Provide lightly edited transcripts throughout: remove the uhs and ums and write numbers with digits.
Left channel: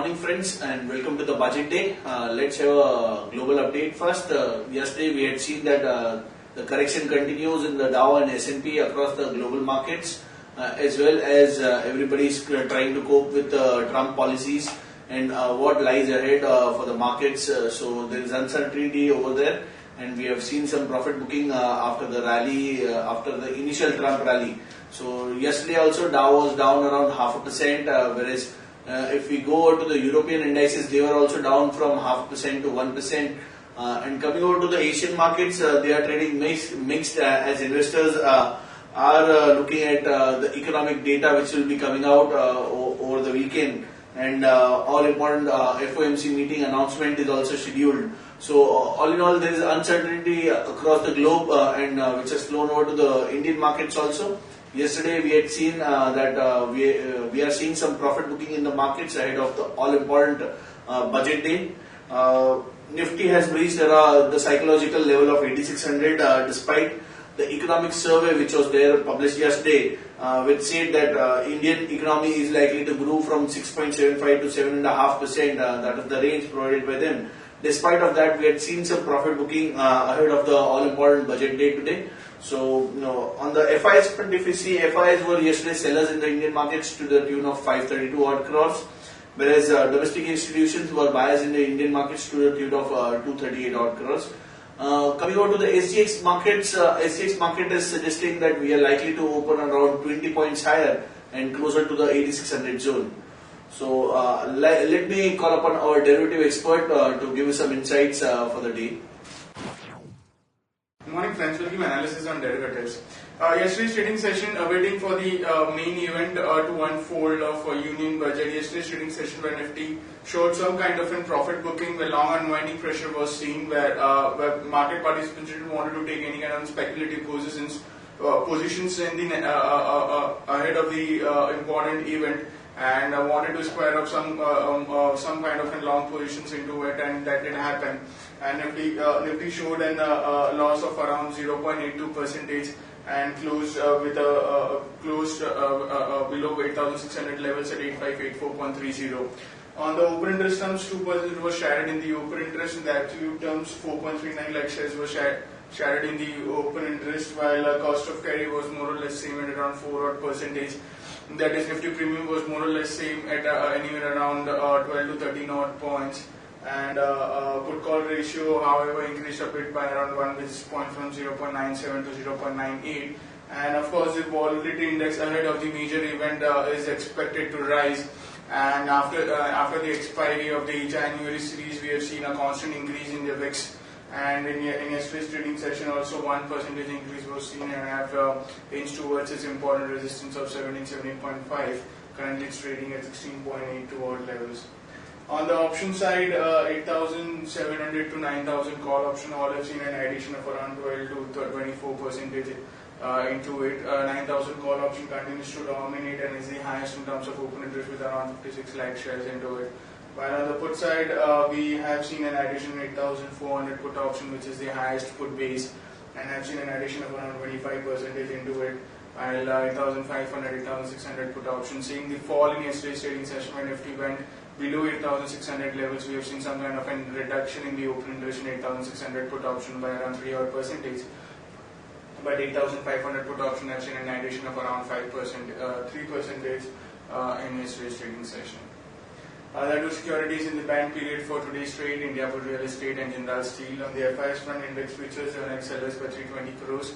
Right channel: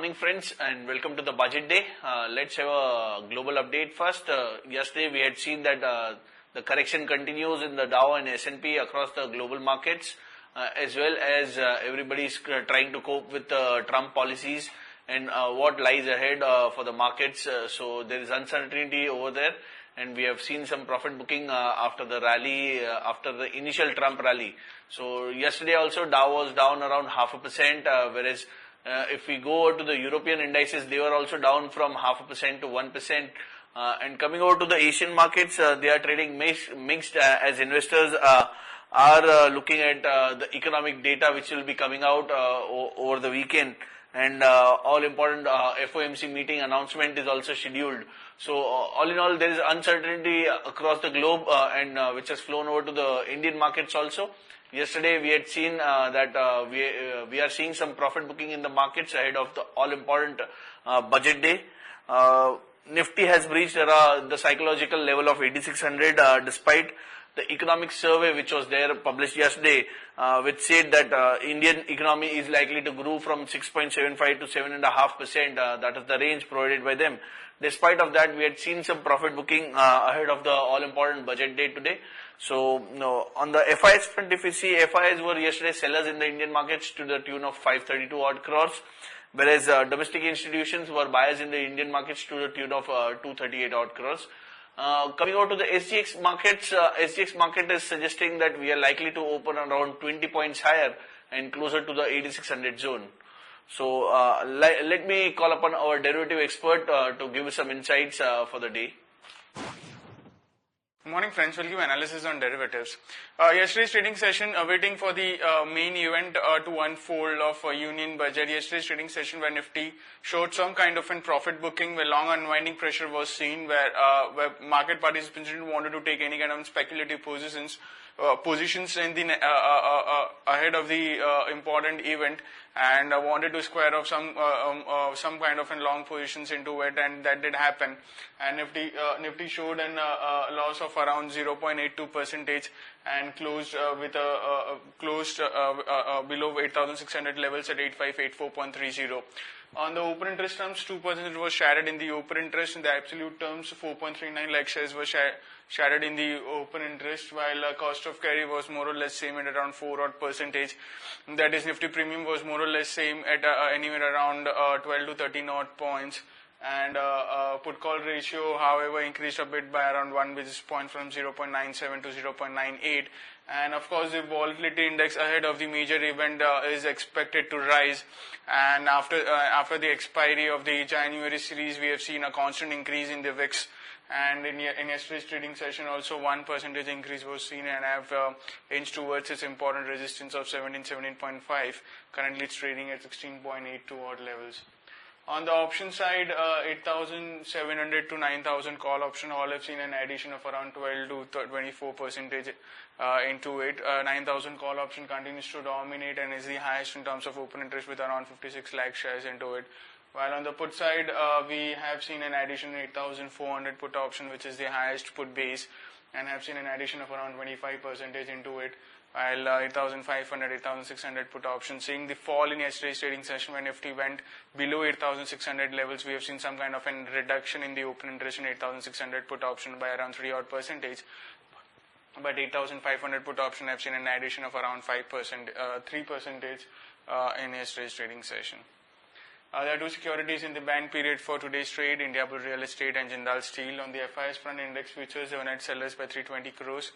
morning friends and welcome to the budget day. Let's have a global update first. Yesterday we had seen that the correction continues in the Dow and S&P across the global markets, as well as everybody is trying to cope with Trump policies and what lies ahead for the markets. So there is uncertainty over there, and we have seen some profit booking after the rally, after the initial Trump rally. So yesterday also Dow was down around 0.5%, whereas if we go to the European indices, they were also down from 0.5% to 1%. And coming over to the Asian markets, they are trading mixed as investors are looking at the economic data which will be coming out over the weekend. And all important FOMC meeting announcement is also scheduled. So all in all, there is uncertainty across the globe, and which has flown over to the Indian markets also. Yesterday we had seen that we are seeing some profit booking in the markets ahead of the all important budget day. Nifty has reached the psychological level of 8600 despite the economic survey which was there published yesterday, which said that Indian economy is likely to grow from 6.75 to 7.5%. That is the range provided by them. Despite of that, we had seen some profit booking ahead of the all important budget day today. So, on the FIs front, if you see, FIs were yesterday sellers in the Indian markets to the tune of 532 odd crores, whereas domestic institutions were buyers in the Indian markets to the tune of 238 odd crores. Coming over to the SGX markets, SGX market is suggesting that we are likely to open around 20 points higher and closer to the 8600 zone. So, let me call upon our derivative expert to give you some insights for the day. Good morning friends, we'll give analysis on derivatives. Yesterday's trading session, waiting for the main event to unfold of Union budget. Yesterday's trading session where Nifty showed some kind of in profit booking where long unwinding pressure was seen, where market participants didn't want to take any kind of speculative positions in the ahead of the important event, and wanted to square up some kind of in long positions into it, and that did happen. And Nifty showed a loss of around 0.82% and closed with below 8,600 levels at 8584.30. On the open interest terms, 2% was shared in the open interest. In the absolute terms, 4.39 lakh shares were shared in the open interest, while cost of carry was more or less same at around 4%. That is, Nifty premium was more or less same at anywhere around 12 to 13 odd points. And put call ratio, however, increased a bit by around 1 basis point from 0.97 to 0.98. And of course, the volatility index ahead of the major event is expected to rise. And after the expiry of the January series, we have seen a constant increase in the VIX. And in yesterday's trading session, also 1% increase was seen, and have inched towards its important resistance of 17.5. Currently, it's trading at 16.82 odd levels. On the option side, 8,700 to 9,000 call option, all have seen an addition of around 12 to 24% into it. 9,000 call option continues to dominate and is the highest in terms of open interest with around 56 lakh shares into it. While on the put side, we have seen an addition of 8,400 put option, which is the highest put base, and have seen an addition of around 25% into it. While 8,500, 8,600 put option, seeing the fall in yesterday's trading session when Nifty went below 8,600 levels, we have seen some kind of a reduction in the open interest in 8,600 put option by around 3 odd percentage. But 8,500 put option have seen an addition of around 3% in yesterday's trading session. There are securities in the band period for today's trade: Indiabulls Real Estate and Jindal Steel. On the FIs front, index futures have net sellers by 320 crores.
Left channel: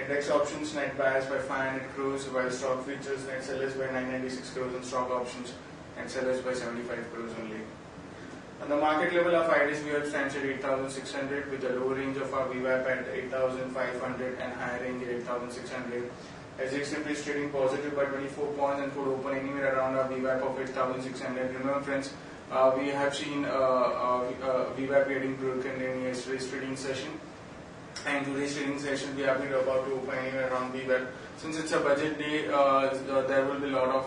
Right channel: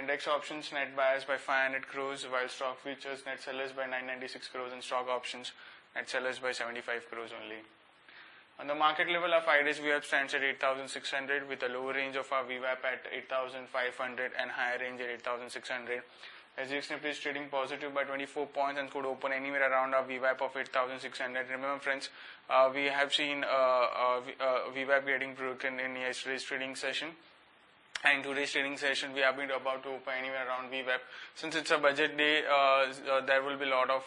Index options net buyers by 500 crores, while stock futures net sellers by 996 crores and stock options net sellers by 75 crores only. On the market level, our 5 days VWAP stands at 8,600 with a lower range of our VWAP at 8,500 and higher range at 8,600. SGX Nifty is trading positive by 24 points and could open anywhere around our VWAP of 8,600. Remember friends, we have seen VWAP getting broken in yesterday's trading session. And today's trading session, we have been about to open anywhere around VWAP. Since it's a budget day, there will be a lot of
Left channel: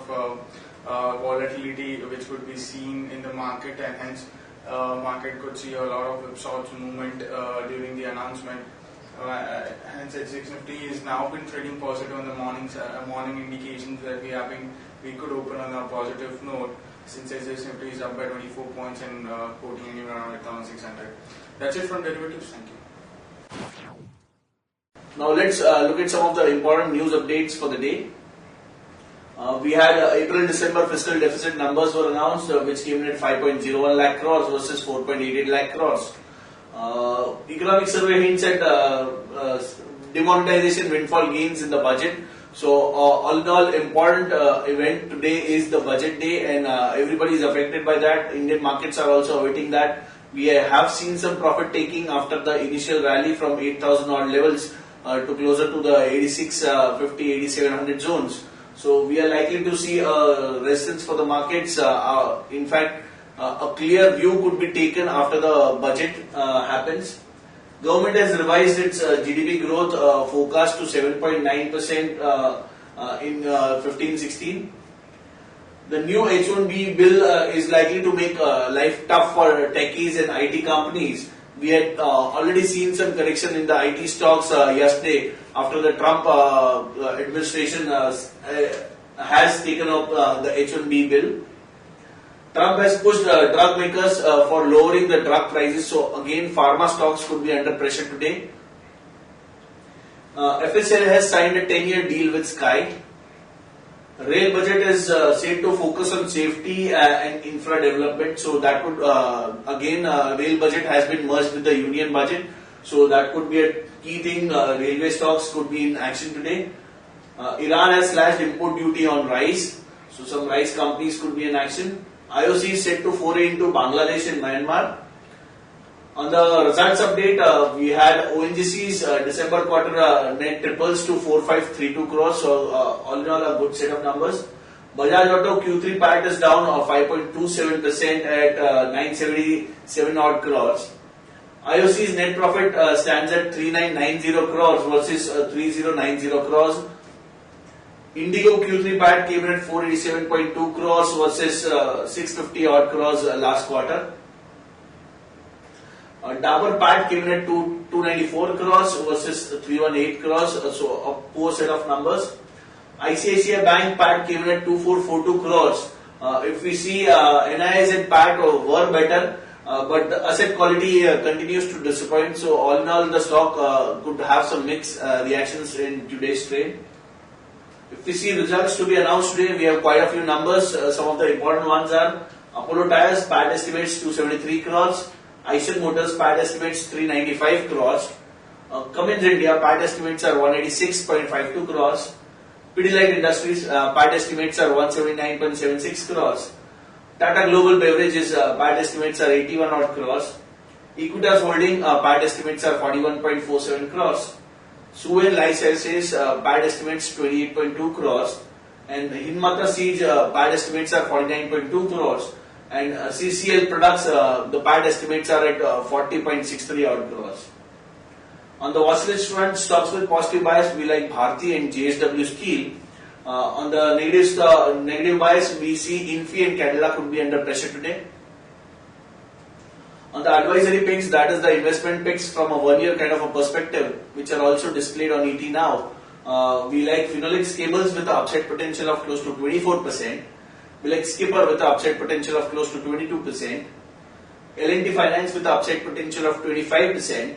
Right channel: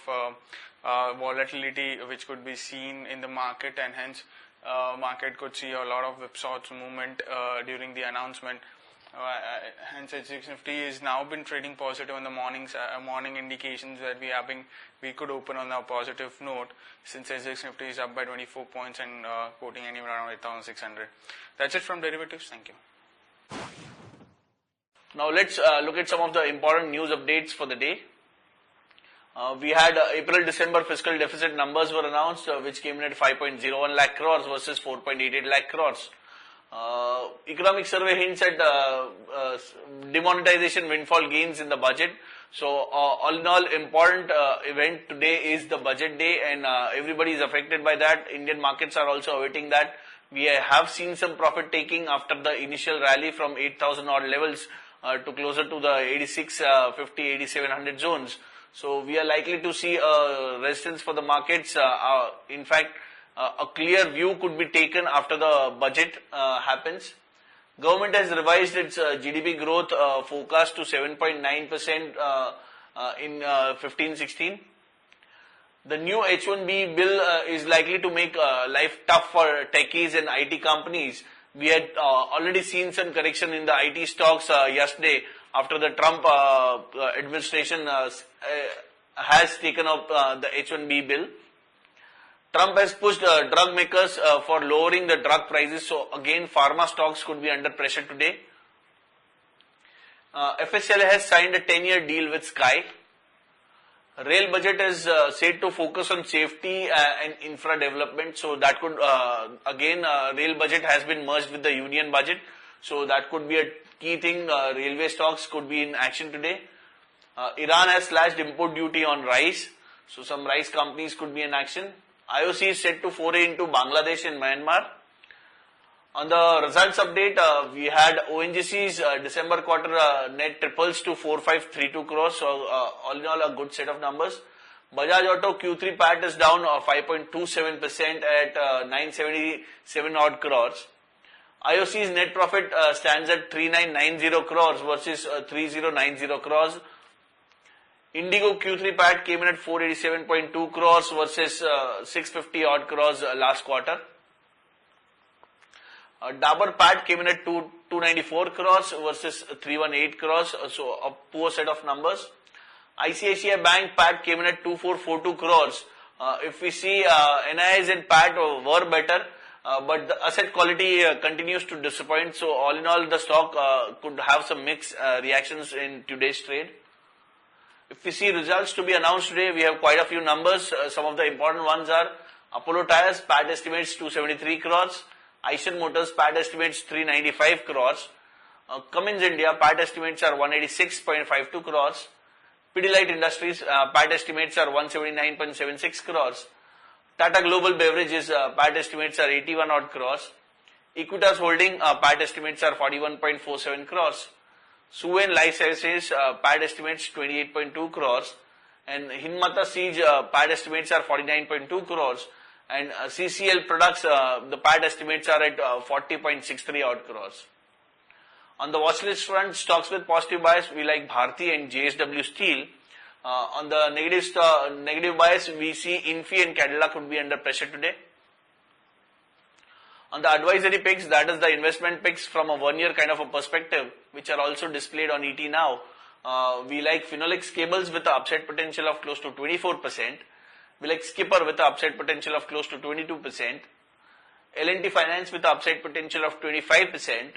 volatility which could be seen in the market, and hence market could see a lot of whipsaw movement during the announcement. Hence, SGX Nifty has now been trading positive on the morning indications that we could open on a positive note. since Sensex Nifty is up by 24 points and quoting anywhere around 8,600. That's it from derivatives. Thank you. Now let's look at some of the important news updates for the day. We had April-December fiscal deficit numbers were announced, which came in at 5.01 lakh crores versus 4.88 lakh crores. Economic survey hints at demonetization windfall gains in the budget. So all in all, important event today is the budget day, and everybody is affected by that. Indian markets are also awaiting that. We have seen some profit taking after the initial rally from 8,000 odd levels to closer to the 8650, 8700 zones. So we are likely to see resistance for the markets. In fact, a clear view could be taken after the budget happens. Government has revised its GDP growth forecast to 7.9% in 15-16. The new H1B bill is likely to make life tough for techies and IT companies. We had already seen some correction in the IT stocks yesterday after the Trump administration has taken up the H1B bill. Trump has pushed drug makers for lowering the drug prices, so again pharma stocks could be under pressure today. FHL has signed a 10-year deal with Sky. Rail budget is said to focus on safety and infra development, so that could again rail budget has been merged with the union budget, so that could be a key thing. Railway stocks could be in action today. Iran has slashed import duty on rice, so some rice companies could be in action. IOC is set to foray into Bangladesh and Myanmar. On the results update, we had ONGC's December quarter net triples to 4532 crores, so all in all a good set of numbers. Bajaj Auto Q3 PAT is down 5.27% at 977 odd crores. IOC's net profit stands at 3990 crores versus 3090 crores. Indigo Q3 PAT came in at 487.2 crores versus 650 odd crores last quarter. Dabur PAT came in at 294 crores versus 318 crores, so a poor set of numbers. ICICI Bank PAT came in at 2442 crores. If we see NII's and PAT were better, but the asset quality continues to disappoint, so all in all the stock could have some mixed reactions in today's trade. If we see results to be announced today, we have quite a few numbers. Some of the important ones are Apollo Tyres PAT estimates 273 crores, Eicher Motors PAT estimates 395 crores, Cummins India PAT estimates are 186.52 crores, Pidilite Industries PAT estimates are 179.76 crores, Tata Global Beverages PAT estimates are 81 odd crores, Equitas Holding PAT estimates are 41.47 crores, Suven Life Sciences PAT estimates 28.2 crores, and Hinmata Siege PAT estimates are 49.2 crores, and CCL Products the PAT estimates are at 40.63 odd crores. On the watch list front, stocks with positive bias we like Bharti and JSW Steel. On the negative bias, we see Infi and Cadila could be under pressure today. On the advisory picks, that is the investment picks from a 1 year kind of a perspective, which are also displayed on ET now. We like Phenolics Cables with the upside potential of close to 24%. We like Skipper with the upside potential of close to 22%. L&T Finance with the upside potential of 25%.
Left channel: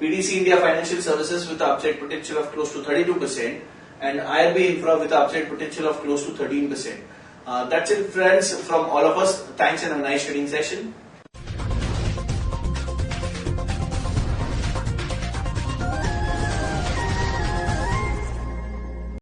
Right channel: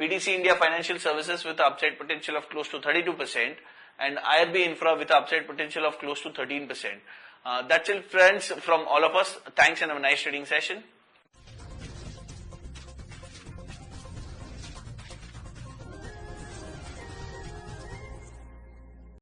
PDC India Financial Services with the upside potential of close to 32%. And IRB Infra with the upside potential of close to 13%. That's it, friends, from all of us. Thanks and have a nice trading session.